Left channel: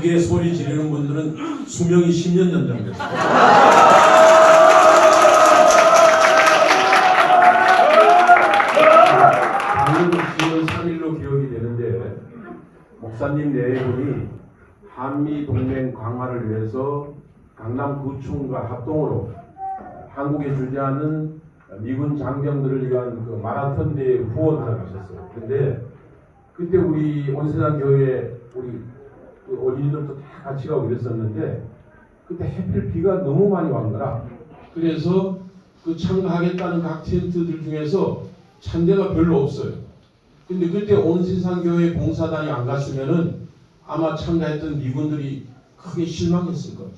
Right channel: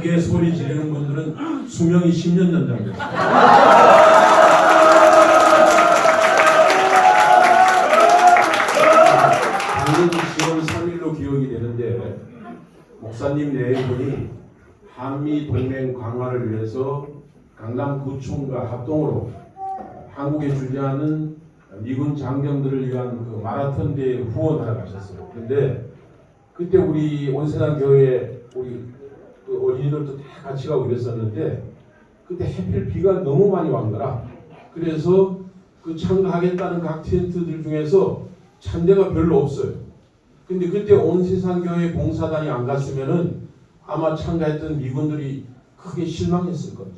크게 소리 지르는 분들은 수명이 10년 연장됐습니다. 방금 10월 3일로 기억이 되는데 목사님 네 분이 한미 동맹 강화를 위해서 강남구청과 합동으로 한국에 주재하는 미군 장병들을 위한 그 마라톤 대회 후원하러 가셨어요. 그런데 그때 우리 온세상 교회 우리 그 어린이들도 다 같이 가고 이랬었는데 그때 해필 비가 너무 많이 왔더라. 그래서 그 참가하겠다는 각 텐트들 중에서 찬데가 별로 없어요. 근데 그때 온세상 교회 봉사단이 안 갔으면은 아마 참가했던 미군들이 크게 실망했을 거예요.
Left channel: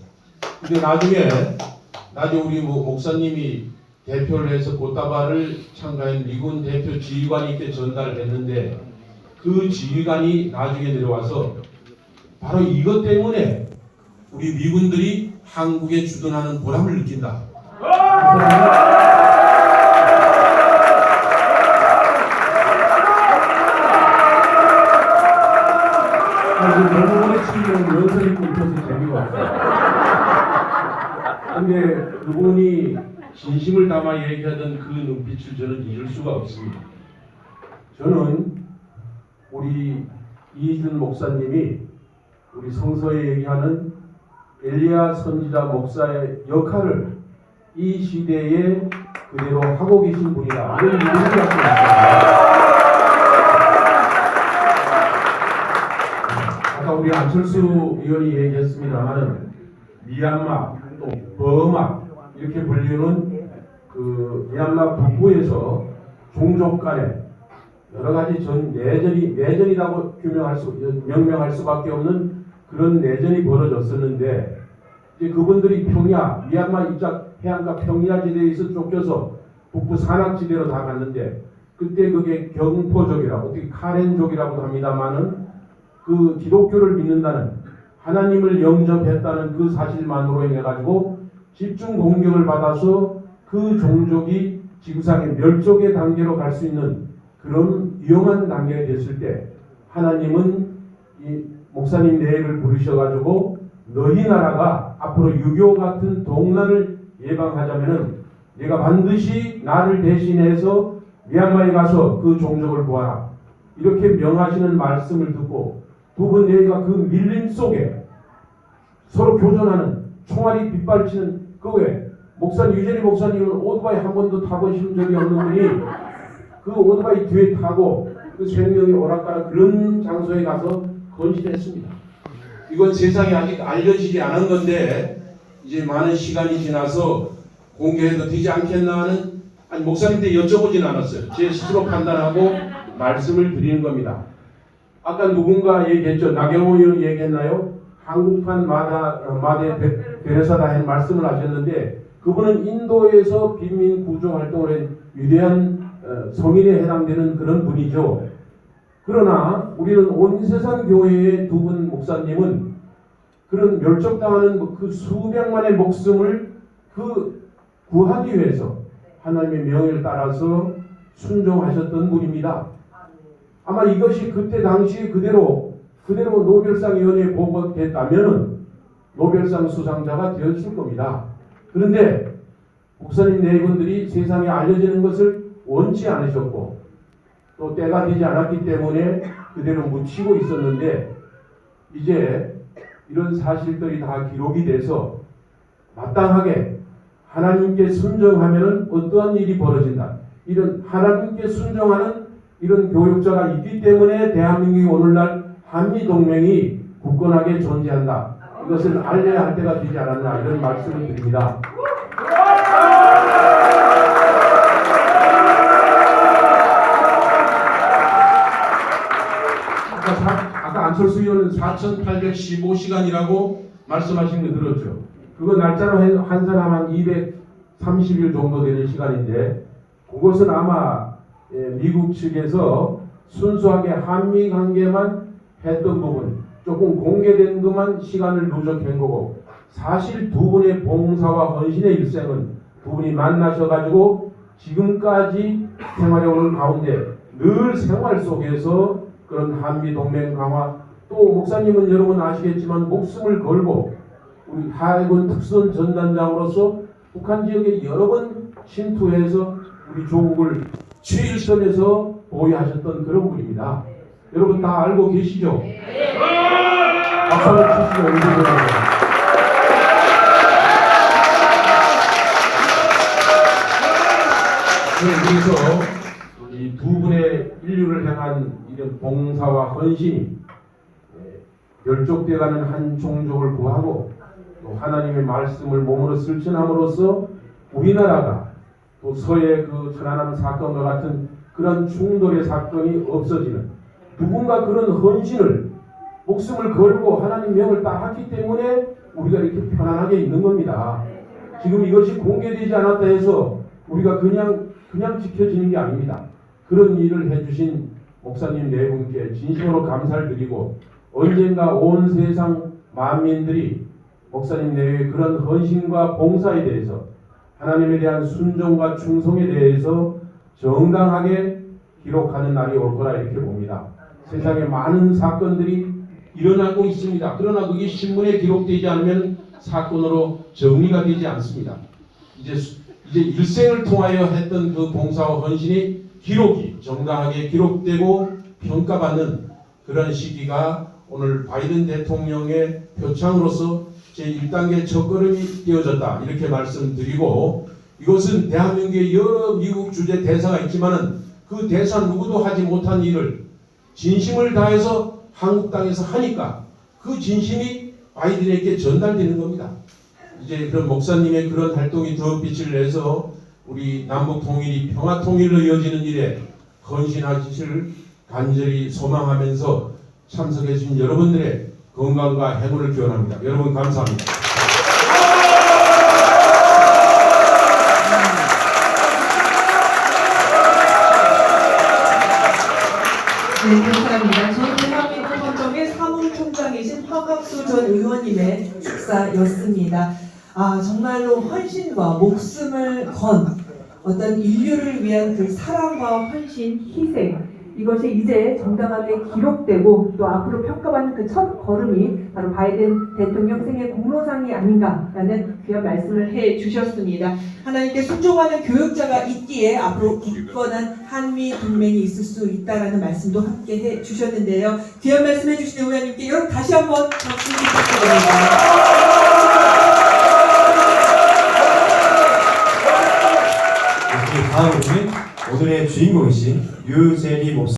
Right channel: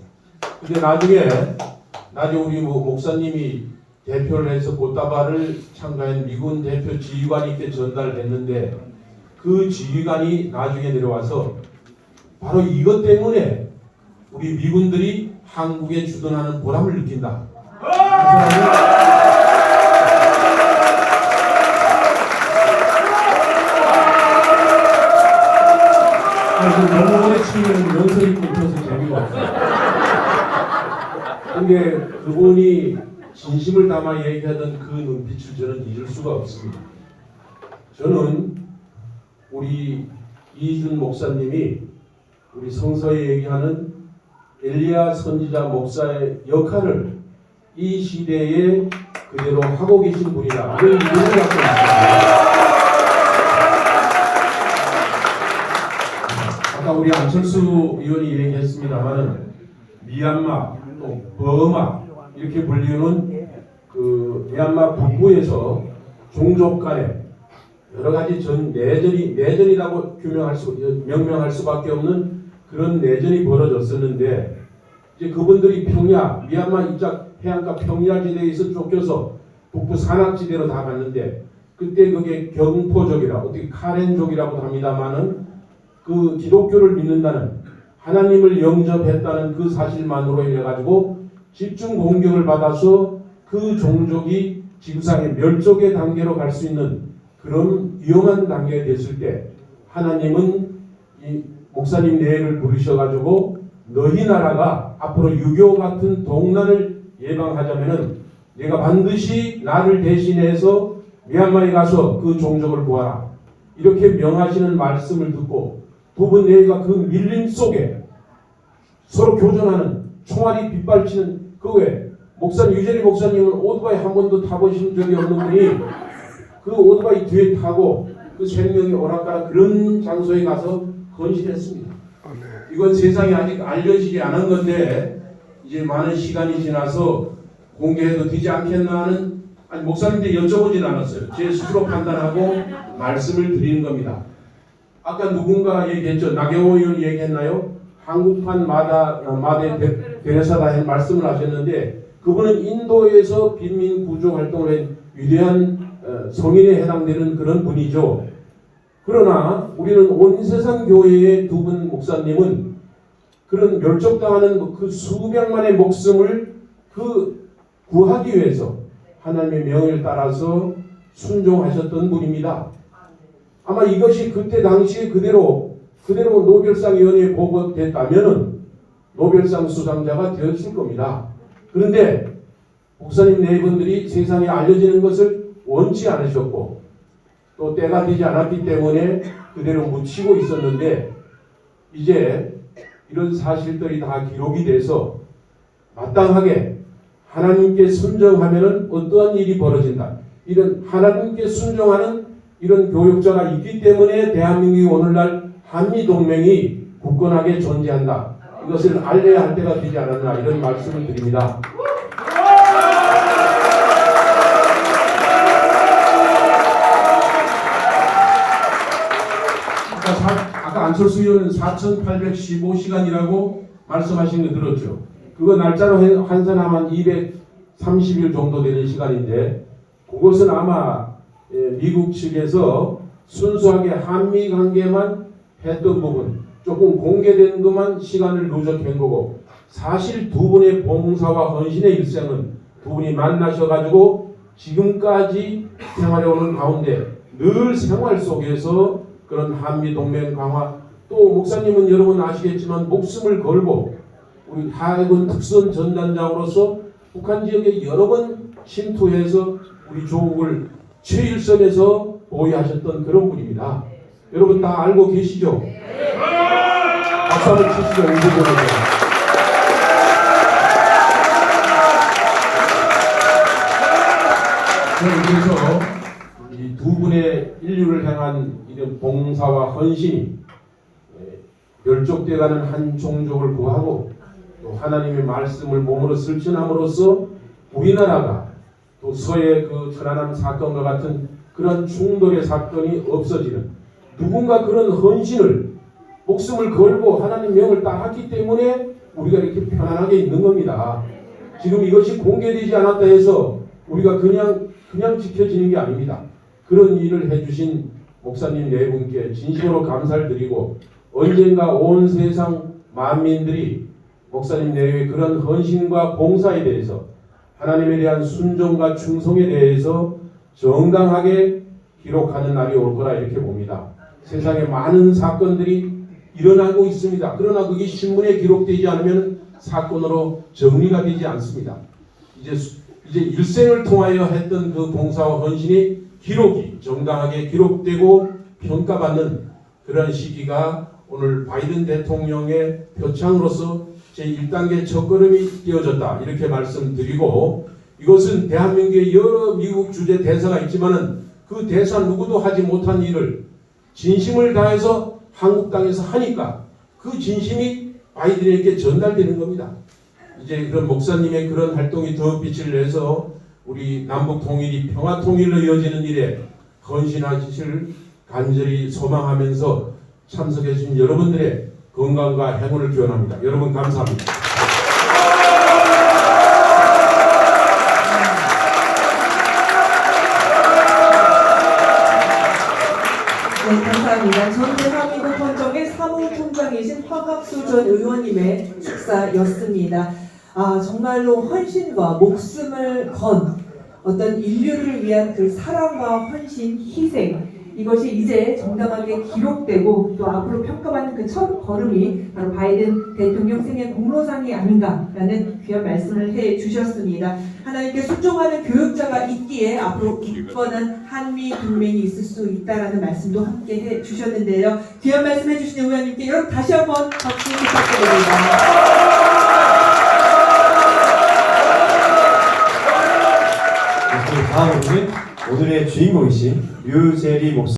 근데 나중에 우리 목사님이 대표를 해서 꽃다발을 참가한 미군 대표 지휘관님께 전달했는데 그 지휘관이 나중에 내려와서 바로 이것 때문에 우리 미군들이 한국에 주둔하는 보람을 느낀다. 병원에 치면 연설이 끊겨서 재미가 없어요. 근데 그분이 진심을 담아 얘기하던 그 눈빛을 저는 잊을 수가 없습니다. 저는 우리 이준 목사님이 우리 성서에 얘기하는 엘리야 선지자 목사의 역할을 이 시대에 그대로 하고 계신 분이다. 이런 믿음을 갖고 있습니다. 아까 우리 안철수 의원이 얘기했습니다만은 미얀마 또 버마 이렇게 불리는 그 미얀마 북부에서 종족 간에 여러 가지 내전이라고 명명할 수밖에 없는 그런 내전이 벌어졌었는데 이제 그분들이 미얀마 이쪽 해안가 평야 지대에서 쫓겨서 북부 산악지대로 다 갔는데 그때 그게 경포족이라고 어떻게 카렌족이라고도 합니다만은 그 기독교를 믿는다는 하나님을 영접했다는 그 사실만으로 인해 가지고 집중 공격을 받아서 그 종족이 지구상의 멸종의 단계로 갈 수 있는 그런 위험한 단계가 됐을 때 하나님은 이 목사님 내를 부르셔가지고 너희 나라가 앞으로 유교 같은 동난을 예방하자면은 내가 반드시 나를 대신해서 미얀마에 가서 그 종족을 구하라 이렇게 명하시는 말씀을 듣고 두 분 내가 그 밀림 속에 서로 교전하는 총알이 빗발치는 그 외에 유재리 목사님은 오토바이 한 번도 타보신 적이 없는 분이 그 오토바이 뒤에 타고 그 생명이 오락가락 그런 장소에 가서 헌신했습니다. 이건 세상에 아직 알려지지 않은 건데 이제 많은 시간이 지나서 공개해도 되지 않겠나 하는 목사님한테 여쭤보진 않았어요. 제 스스로 판단하고 말씀을 드리는 겁니다. 아까 누군가 얘기했죠. 나경원 의원이 얘기했나요? 한국판 마대 대레사다 말씀을 하셨는데 그분은 인도에서 빈민 구조 활동을 한 위대한 성인에 해당되는 그런 분이죠. 그러나 우리는 온세상 교회의 두 분 목사님은 그런 멸종당하는 그 수백만의 목숨을 구하기 위해서 하나님의 명을 따라서 순종하셨던 분입니다. 아마 이것이 그때 당시에 그대로 노벨상위원회에 보고됐다면 노벨상 수상자가 되었을 겁니다. 그런데 목사님 네 분들이 세상에 알려지는 것을 원치 않으셨고 또 때가 되지 않았기 때문에 그대로 묻히고 있었는데 이제 이런 사실들이 다 기록이 돼서 마땅하게 하나님께 순종하면 어떠한 일이 벌어진다. 이런 하나님께 순종하는 이런 교육자가 있기 때문에 대한민국이 오늘날 한미동맹이 굳건하게 존재한다. 이것을 알려야 할 때가 되지 않았나 이런 말씀을 드립니다. 아까 안철수 의원은 4,815시간이라고 말씀하신 거 들었죠. 그거 날짜로 한 사람 한 230일 정도 되는 시간인데 그것은 아마 미국 측에서 순수하게 한미 관계만 했던 부분 조금 공개된 것만 시간을 누적한 거고 사실 두 분의 봉사와 헌신의 일생은 두 분이 만나셔가지고 지금까지 생활해 오는 가운데 늘 생활 속에서 그런 한미 동맹 강화 또 목사님은 여러분 아시겠지만 목숨을 걸고 우리 하해군 특선 전단장으로서 북한 지역에 여러 번 침투해서 우리 조국을 최일선에서 보호하셨던 그런 분입니다. 여러분 다 알고 계시죠? 박수를 치시죠. 그래서 이 두 분의 인류를 향한 이런 봉사와 헌신이 멸족되어가는 한 종족을 구하고 또 하나님의 말씀을 몸으로 실천함으로써 우리나라가 또 서해 그 천안함 사건과 같은 그런 충돌의 사건이 없어지는 누군가 그런 헌신을 목숨을 걸고 하나님 명을 따랐기 때문에 우리가 이렇게 편안하게 있는 겁니다. 지금 이것이 공개되지 않았다 해서 우리가 그냥 지켜지는 게 아닙니다. 그런 일을 해주신 목사님 네 분께 진심으로 감사를 드리고 언젠가 온 세상 만민들이 목사님 내외의 그런 헌신과 봉사에 대해서 하나님에 대한 순종과 충성에 대해서 정당하게 기록하는 날이 올 거라 이렇게 봅니다. 세상에 많은 사건들이 일어나고 있습니다. 그러나 그게 신문에 기록되지 않으면 사건으로 정리가 되지 않습니다. 이제 일생을 통하여 했던 그 봉사와 헌신이 기록이 정당하게 기록되고 평가받는 그런 시기가 오늘 바이든 대통령의 표창으로서 제1단계 첫걸음이 되어졌다 이렇게 말씀드리고 이것은 대한민국의 여러 미국 주재 대사가 있지만은 그 대사 누구도 하지 못한 일을 진심을 다해서 한국 땅에서 하니까 그 진심이 바이든에게 전달되는 겁니다. 이제 그런 목사님의 그런 활동이 더 빛을 내서 우리 남북 통일이 평화 통일로 이어지는 일에 헌신하시길 간절히 소망하면서 참석해 주신 여러분들의 건강과 행운을 기원합니다. 여러분 감사합니다. 네, 감사합니다. 전 대한민국 헌정의 사무총장이신 화갑수 전 의원님의 축사였습니다. 정말로 헌신과 목숨을 건 어떤 인류를 위한 그 사랑과 헌신, 희생 이것이 이제 정당하게 기록되고 또 앞으로 평가받는 그 첫 걸음이 바로 바이든 대통령 생애 공로상이 아닌가라는 귀한 말씀을 해주셨습니다. 하나님께 순종하는 교육자가 있기에 앞으로 굳건한 한미 동맹이 있을 수 있다라는 말씀도 함께 해주셨는데요. 귀한 말씀해 주신 의원님께 여러분 다시 한번 박수 부탁드립니다. 다음으로는 오늘의 주인공이신 류재리 목사